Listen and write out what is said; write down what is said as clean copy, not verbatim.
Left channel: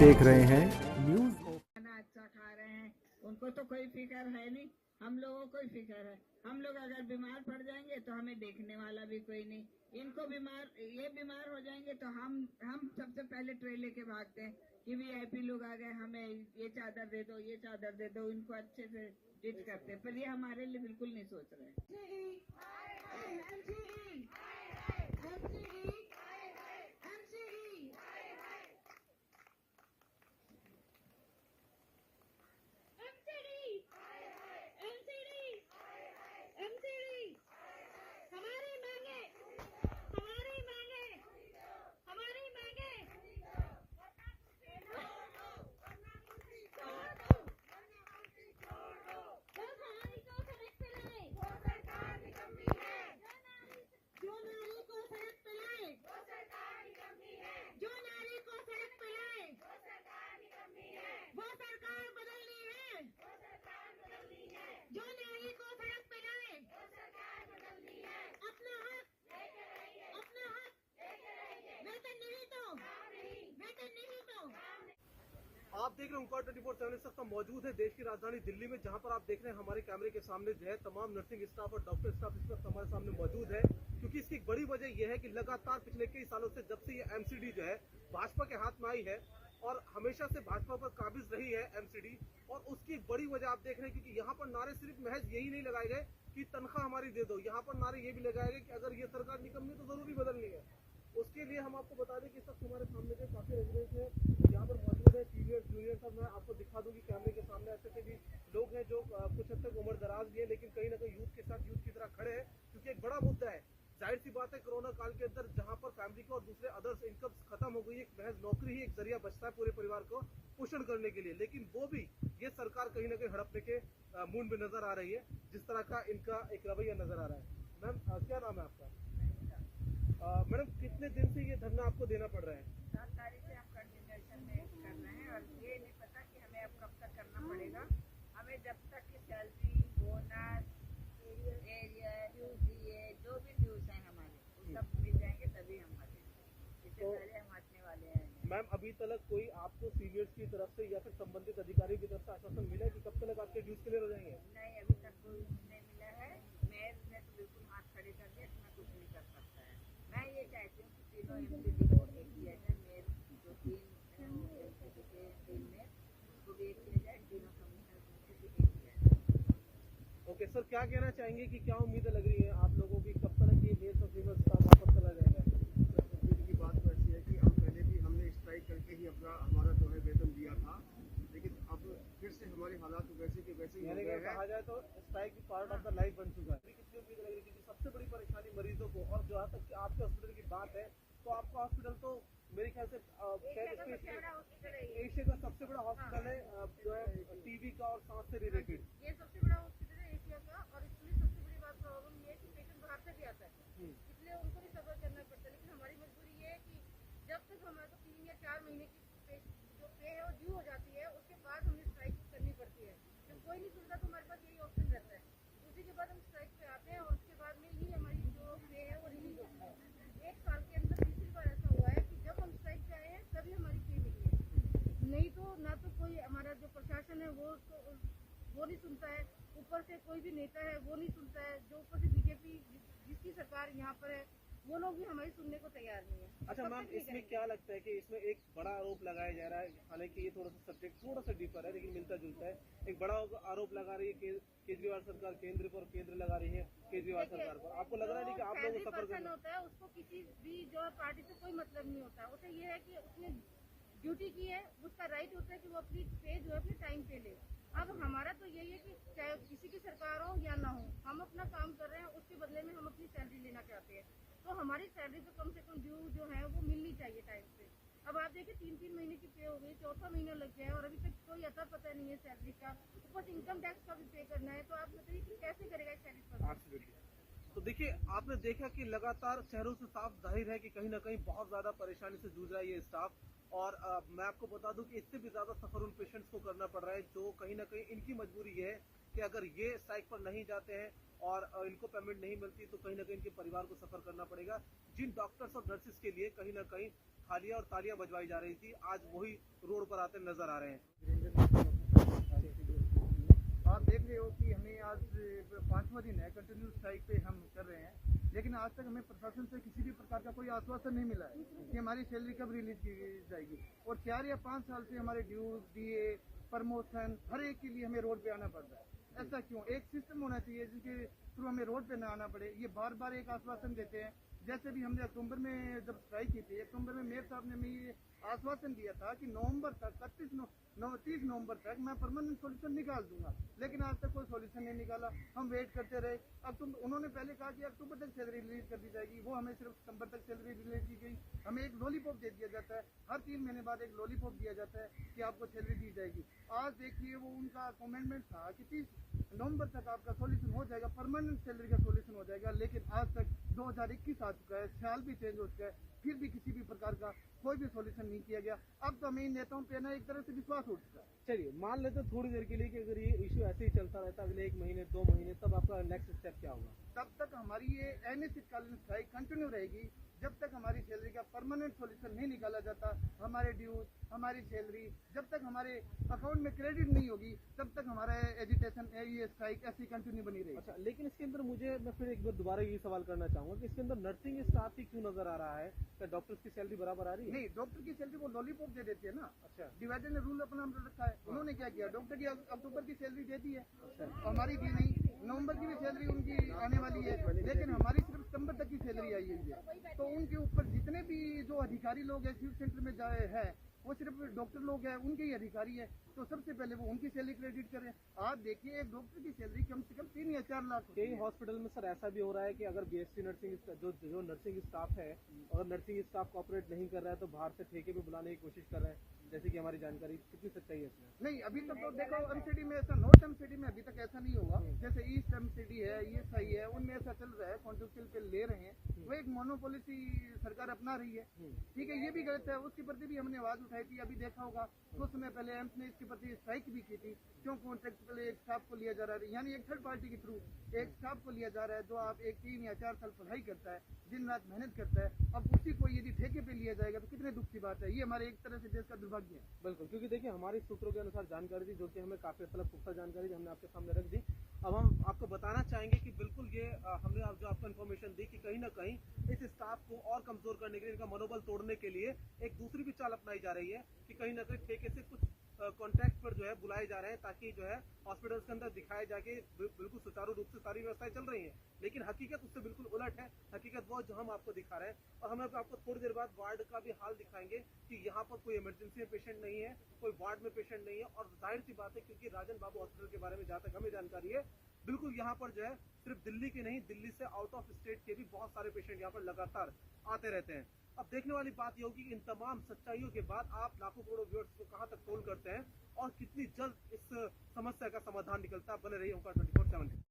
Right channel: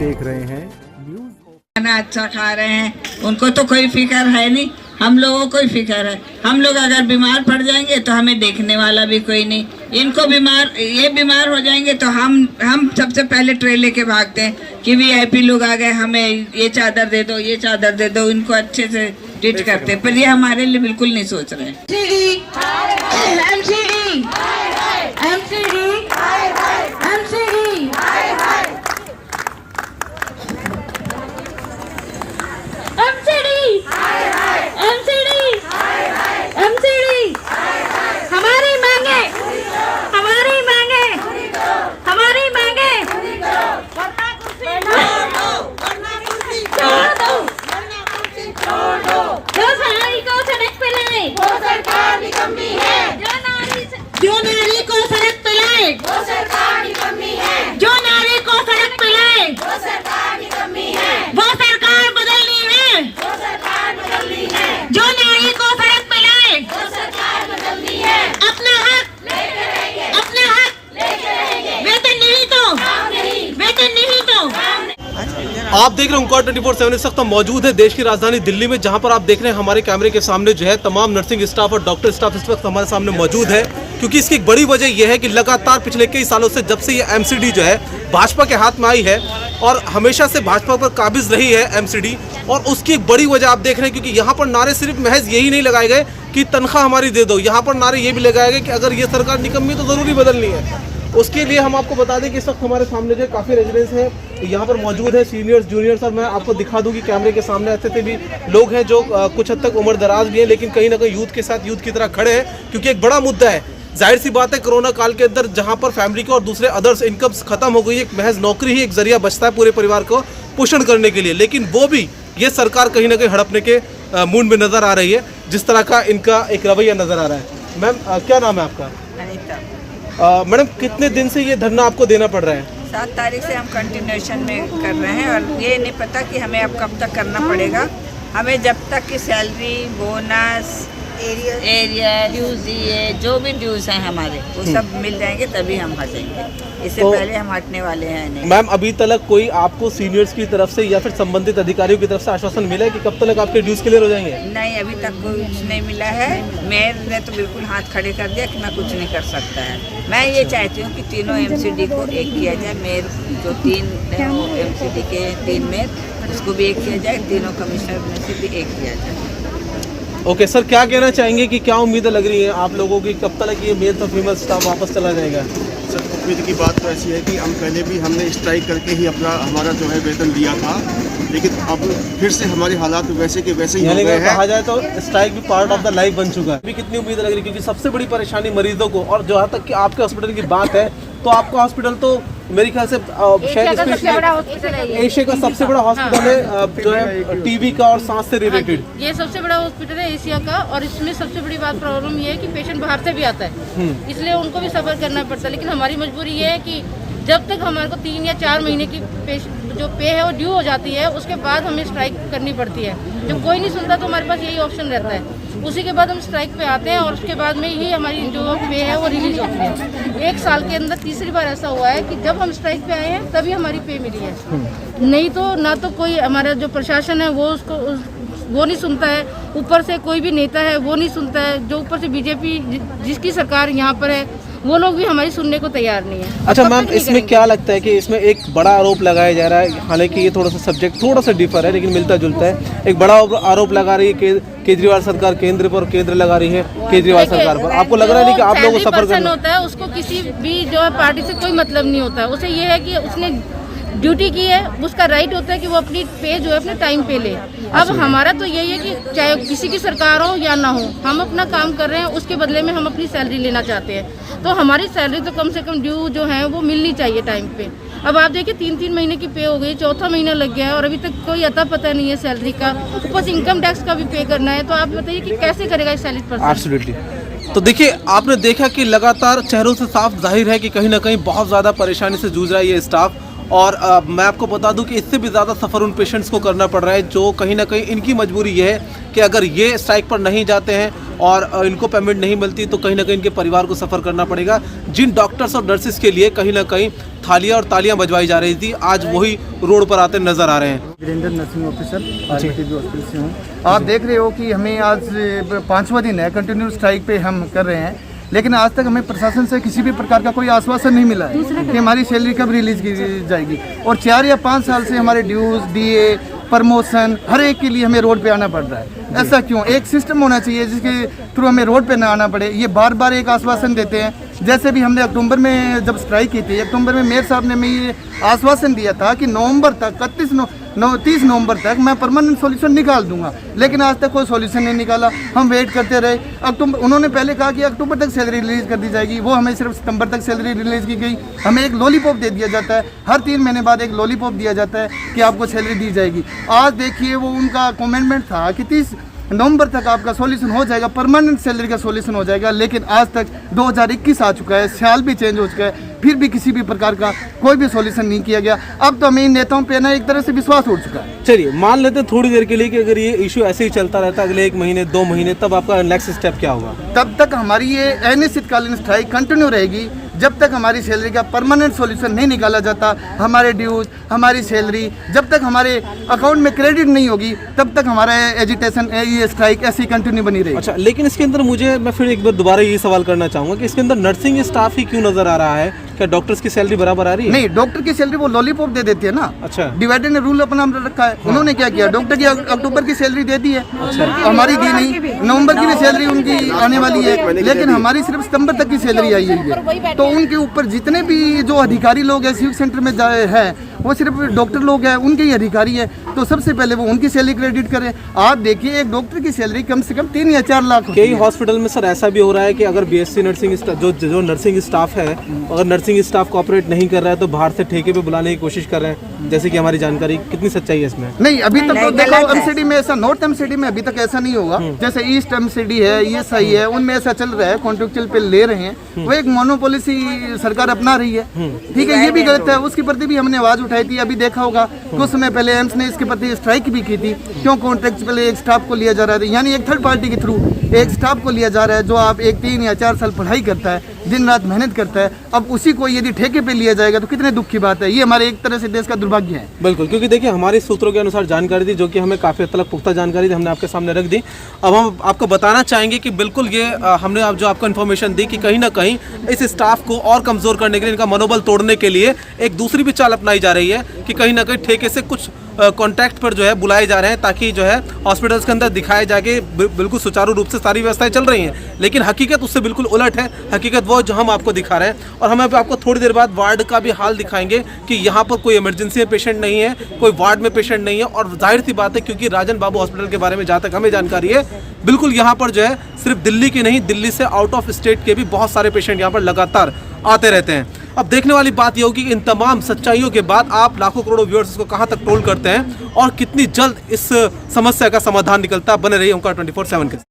देख रहे हैं न्यूज़। खाना अच्छा खा रहे हैं, उनको तो कोई फिक्र है नहीं, हम लोगों को ही फिक्र है। हम लोग अगर बीमार पड़ जाएंगे तो हमें देखने वाला भी कोई नहीं। इनको ये बीमार हो जाएंगे तो हम सबसे पहले ट्रे लेके भागते हैं कि वीआईपी लोग आ गए, हमें ये चादर दे दो, ये चादर दे दो। इनको अच्छे से ट्रीट करते हैं, पर ये हमारे लिए बिल्कुल नहीं सोच रहे जो नारी को सड़क पे लाए वो सरकार की कमी है। जो नारी को सड़क पे लाए वो सरकार की कमी है। वो सरकार बदलनी है, वो सरकार बदलनी है। जो नारी को सड़क पे लाए वो सरकार बदलनी है। अपना हक लेके रहेंगे, अपना हक लेके रहेंगे। वेतन नहीं तो काम नहीं, वेतन नहीं तो काम नहीं। आप देख रहे हैं ओंकार 24/7। इस वक्त हम मौजूद है देश की राजधानी दिल्ली में, जहां पर आप देख रहे हैं हमारे कैमरे के सामने जो है तमाम नर्सिंग स्टाफ और डॉक्टर स्टाफ इस वक्त हमारे सामने मौजूद है। क्योंकि इसकी एक बड़ी वजह यह है कि लगातार पिछले कई सालों से जब से ये एमसीडी जो है भाजपा के हाथ में आई है और हमेशा से भाजपा पर काबिज रही है एमसीडी, और उसकी एक बड़ी वजह आप देख रहे हैं क्योंकि यहाँ पर नारे सिर्फ महज यही नहीं लगाए गए कि तनख्वाह हमारी दे दो, यहाँ पर नारे ये भी लगाए गए कि अगर ये सरकार निकम्मी तो ज़रूरी बदलनी है। उसके लिए हम आपको बता दें कि इस वक्त हमारे सामने जो काफ़ी रेजिडेंट्स हैं यहाँ पर मौजूद है, सीनियर्स जूनियर्स, और मैं आपको दिखा दूँ कि कैमरे के सामने ऐसे भी लोग हैं जो कुछ हद तक उम्र दराज भी हैं, लेकिन कहीं ना कहीं यूथ के साथ यूथ की तरह खड़े हैं। क्योंकि एक बड़ा मुद्दा है, जाहिर सी बात है, कोरोना काल के अंदर जहाँ पर फैमिली को और दूसरे अदर्स इनकम्स खत्म हो गई, एक महज नौकरी ही एक जरिया बचता है पूरे परिवार को पोषण करने के लिए, लेकिन वो भी ये सरकार कहीं ना कहीं हड़पने के मूड में नजर आ रही है, जिस तरह का इनका एक रवैया नजर आ रहा है। मैम क्या नाम है आपका? मैडम कितने दिन से ये धरना आपको देना पड़ रहा है? 7 तारीख से हम कंटिन्यूएशन में कर रहे हैं और ये नहीं पता कि हमें अब कब तक करना पड़ेगा। हमें जब तक कि सैलरी, बोनस, एरिया ड्यूज, ये जो भी ड्यूज हैं हमारे वो सब मिल जाएंगे तभी हम हटेंगे, इससे पहले हम हटने वाले हैं नहीं। मैम अभी तक कोई आपको सीनियर्स की तरफ से या फिर संबंधित अधिकारियों की तरफ से आश्वासन मिला है कि कब तक आपके ड्यूज क्लियर हो जाएंगे? नहीं, अभी तक कुछ नहीं मिला है। मेयर ने तो बिल्कुल हाथ खड़े कर दिया कि मैं कुछ नहीं कर सकता है। मैं ये चाहती हूँ कि तीनों एमसीडी को एक किया जाए। मेयर जो 3 एमसीडी के 3 मेयर, उसको भी एक किया जाए, तीनों कमिश्नर में से भी एक किया जाए। ओके सर, क्या कहना चाहेंगे कि क्या उम्मीदें लग रही हैं आप लोगों की, कब तक ये मेल और फीमेल स्टाफ वापस चला जाएगा? सर उम्मीद की बात तो ऐसी है कि हम पहले भी हमने स्ट्राइक करके ही हमारा जो है वेतन दिया था, लेकिन अब फिर से हमारे हालात वैसे के वैसे ही हो गए हैं। कहा जाए तो स्ट्राइक भी पार्ट ऑफ द लाइफ बन चुका है। अभी कितनी उम्मीद लग रही है, क्योंकि सबसे बड़ी परेशानी मरीजों को, और जहाँ तक कि आपके हॉस्पिटल की बात है तो आपका हॉस्पिटल तो मेरे ख्याल से शायद एशिया का सबसे बड़ा हॉस्पिटल है जो है टीबी का और सांस से रिलेटेड। ये सबसे बड़ा हॉस्पिटल है एशिया का, और इसमें सबसे बड़ी बात प्रॉब्लम ये है कि पेशेंट बाहर से भी आता है, इसलिए उनको भी सफर करना पड़ता है। लेकिन हमारी मजबूरी ये है कि जब तक हमारे को 3 या 4 महीने की जो पे है वो ड्यू हो जाती है, उसके बाद हमें स्ट्राइक करनी पड़ती है। जब कोई नहीं सुनता तो हमारे पास यही ऑप्शन रहता है, उसी के बाद हम स्ट्राइक पे आते हैं और उसके बाद में ही हमारी जो पे है वो रिलीज होती है। 1 साल के अंदर तीसरी बार ऐसा हुआ है कि जब हम स्ट्राइक पे आए हैं तभी हमारी पे मिली है, नहीं तो ना तो कोई हमारा जो प्रशासन है वो नहीं सुनता है, ऊपर से कोई भी नेता है वो नहीं सुनता है, जो ऊपर से बीजेपी जिसकी सरकार यहाँ पर है वो लोग भी हमारी सुनने को तैयार नहीं है। अच्छा मैम, इसमें क्या लगता है कि इसमें एक बड़ा आरोप लगाया जा रहा है, हालांकि ये थोड़ा सा सब्जेक्ट थोड़ा सा डिफर है लेकिन मिलता जुलता है। एक बड़ा आरोप लगा रही है केजरीवाल सरकार केंद्र पर, केंद्र लगा रही है केजरीवाल सरकार पर। आपको लग रहा है कि आप लोगों को सफर करना होता है, उसको किसी भी जो है पार्टी से कोई मतलब नहीं होता है, उसे ये है कि उसने ड्यूटी की है, उसका राइट होता है कि वो अपनी पे जो है अपने टाइम पे ले। अब हमारा तो यही है कि चाहे किसी की सरकार हो या ना हो, हम अपना काम कर रहे हैं, उसके बदले में हम अपनी सैलरी लेना चाहते हैं, तो हमारी सैलरी तो कम से कम ड्यू जो है वो मिलनी चाहिए टाइम पे। अब आप देखिए 3-3 महीने की पे हो गई, 4था महीना लग गया है और अभी तक कोई अता पता नहीं है सैलरी का, ऊपर से इनकम टैक्स का भी पे करना है, तो आप बताइए कि कैसे करेगा इस सैलरी पर? एब्सोल्युटली। तो देखिए, आपने देखा कि लगातार चेहरों से साफ जाहिर है कि कहीं ना कहीं बहुत ज़्यादा परेशानी से जूझ रहा है ये स्टाफ, और मैं आपको बता दूं कि इससे भी ज़्यादा सफ़र उन पेशेंट्स को करना पड़ रहा है जो कहीं ना कहीं इनकी मजबूरी ये है कि अगर ये स्ट्राइक पर नहीं जाते हैं और इनको पेमेंट नहीं मिलती तो कहीं ना कहीं इनके परिवार को सफ़र करना पड़ेगा। जिन डॉक्टर्स और नर्सिस के लिए कहीं ना कहीं थालियां और तालियां बजवाई जा रही थी, आज वही रोड पर आते नजर आ रहे हैं। Virendra nursing officer Ayurvedic hospital से हूँ। आप देख रहे हो कि हमें आज 5वां दिन है, कंटिन्यू स्ट्राइक पे हम कर रहे हैं, लेकिन आज तक हमें प्रशासन से किसी भी प्रकार का कोई आश्वासन नहीं मिला है कि हमारी सैलरी कब रिलीज की जाएगी। और 4 या 5 साल से हमारे ड्यूज, डीए, प्रमोशन हर एक के लिए हमें रोड पे आना पड़ रहा है। ऐसा क्यों? एक सिस्टम होना चाहिए जिसके थ्रू हमें रोड पे ना आना पड़े। ये बार बार एक आश्वासन देते हैं। जैसे भी हमने अक्टूबर में जब स्ट्राइक की थी, अक्टूबर में मेयर साहब ने हमें ये आश्वासन दिया था कि नवंबर तक 30 नवंबर तक मैं परमानेंट सॉल्यूशन निकाल दूंगा, लेकिन आज तक कोई सॉल्यूशन नहीं निकाला। हम वेट करते रहे। अक्टूबर उन्होंने पहले कहा कि अक्टूबर तक सैलरी रिलीज कर दी जाएगी, वो हमें सिर्फ सितंबर तक सैलरी रिलीज की गई। हमें एक लॉलीपॉप दे दिया जाता है, हर 3 महीने बाद एक लॉलीपॉप दिया जाता है कि आपको सैलरी दी जाएगी। आज देखिए वो उनका कमेंटमेंट था कि 30 नवंबर तक आपका सॉल्यूशन हो जाएगा, परमानेंट सैलरी का सॉल्यूशन हो जाएगा, लेकिन आज तक 2021 आ चुका है, साल भी चेंज हो चुका है, फिर भी किसी भी प्रकार का कोई भी सॉल्यूशन नहीं किया गया। अब तो हमें इन नेताओं पे ना एक तरह से विश्वास उठ चुका है। चलिए मान लेते हैं थोड़ी देर के लिए कि अगर ये इशू ऐसे ही चलता रहता अगले 1 महीने 2 महीने, तब आपका नेक्स्ट स्टेप क्या होगा? तब तक हमारी ये अनिश्चितकालीन स्ट्राइक कंटिन्यू रहेगी जब तक हमारी सैलरी का परमानेंट सॉल्यूशन नहीं निकाला जाता। हमारे ड्यूज, हमारी सैलरी जब तक हमारे अकाउंट में क्रेडिट नहीं होगी, तब तक हमारा एजिटेशन, ये स्ट्राइक ऐसी कंटिन्यू बनी रहेगी। अच्छा, लेकिन इसके अंदर मैं फिर एक बार दोबारा ये सवाल करना चाहूँगा कि इसके अंदर नर्सिंग स्टाफ ही क्यों नजर आ रहा है? क्या डॉक्टर्स की सैलरी बराबर आ रही है? नहीं, डॉक्टर की सैलरी वो लॉलीपॉप दे देती है ना। अच्छा, डिवाइडर ने रूल अपना रखा है। उन्होंने क्या किया, डॉक्टर की अक्टूबर की सैलरी दे दी है, हमारी दी नहीं। नवंबर की भी सैलरी उनकी आने वाली है, लेकिन हमारी सिर्फ सितंबर तक की सैलरी आई हुई है। तो उनके ऊपर जितने भी जो अधिकारी लोग हैं सिविक सेंटर में है, वो सिर्फ डॉक्टर लोग हैं, उनके ही अधिकारी है। तो सबसे पहले वो उनकी सैलरी क्रेडिट करें। आप देखिए एक डॉक्टर की सैलरी कम से कम 3 या 4 लाख। कई हॉस्पिटल में सर ऐसा भी हो रहा है कि अगर बीएससी नर्सिंग जो नर्सिंग स्टाफ है, अगर नर्सिंग स्टाफ कोऑपरेट नहीं कर रहा है तो बाहर से ठेके पे बुलाने की कोशिश कर रहे हैं, जैसे कि हमारी जानकारी। कितनी सच्चाई है इसमें? नहीं, अभी तक तो देखो एमसीडी में ऐसा, नॉर्थ एमसीडी में अभी तक ऐसा नहीं होगा। जैसे ईस्ट एमसीडी है, ESI है, उनमें ऐसा चल रहा है, कॉन्ट्रेक्चुअल पे ले रहे हैं। वो एक मोनोपॉलिसी सरकार अपना रही है, ठीक है, ये भी गलत है। उसके प्रति भी हमने आवाज उठाई थी। अभी देखा होगा कुछ समय पहले एम्स ने इसके प्रति स्ट्राइक भी की थी। क्यों कॉन्ट्रेक्चुअल एक स्टाफ को लिया जा रहा है, यानी एक थर्ड पार्टी के थ्रू एक स्टाफ को लिया जा रहा है जो आप 3 या 4 साल पढ़ाई करता है, दिन रात मेहनत करता है। अब उसी को यदि ठेके पे लिया जाएगा तो कितने दुख की बात है। ये हमारे एक तरह से देश का दुर्भाग्य है। बिल्कुल, क्योंकि देखिए हमारे सूत्रों के अनुसार जानकारी थी, जो कि हमें काफ़ी हद तक पुख्ता जानकारी थी, हमने आपके सामने रख दी। अब हम आपको बताना चाहेंगे कि बिल्कुल ये हमने जो आपको इन्फॉर्मेशन दी कि कहीं ना कहीं इस स्टाफ को और कमज़ोर करने के लिए, इनका मनोबल तोड़ने के लिए एक दूसरी भी चाल अपनाई जा रही है कि कहीं ना कहीं ठेके से कुछ कॉन्टैक्ट पर जो है बुलाए जा रहे हैं, ताकि जो है हॉस्पिटल्स के अंदर दिखाए जाके बिल्कुल सुचारू रूप से सारी व्यवस्थाएं चल रही हैं। लेकिन हकीकत उससे बिल्कुल उलट है। हकीकत वो जो हम आपको दिखा रहे हैं, और हम आपको थोड़ी देर बाद वार्ड का भी हाल दिखाएंगे कि यहाँ पर कोई इमरजेंसी में पेशेंट नहीं है, कोई वार्ड में पेशेंट नहीं है। और जाहिर सी बात है, क्योंकि राजन बाबू हॉस्पिटल के बारे में जहाँ तक हमें जानकारी है, बिल्कुल यहाँ पर जो है सिर्फ दिल्ली के नहीं, दिल्ली से आउट ऑफ स्टेट के भी बहुत सारे पेशेंट यहाँ पर लगातार आते रहते हैं। अब देखने वाली बात यह होगी कि इन तमाम सच्चाइयों के बाद आप लाखों करोड़ों व्यूअर्स को कहां तक ट्रोल करते हैं और कितनी जल्द इस समस्या का समाधान निकलता है। बने रहिए ओंकार 24/7 के।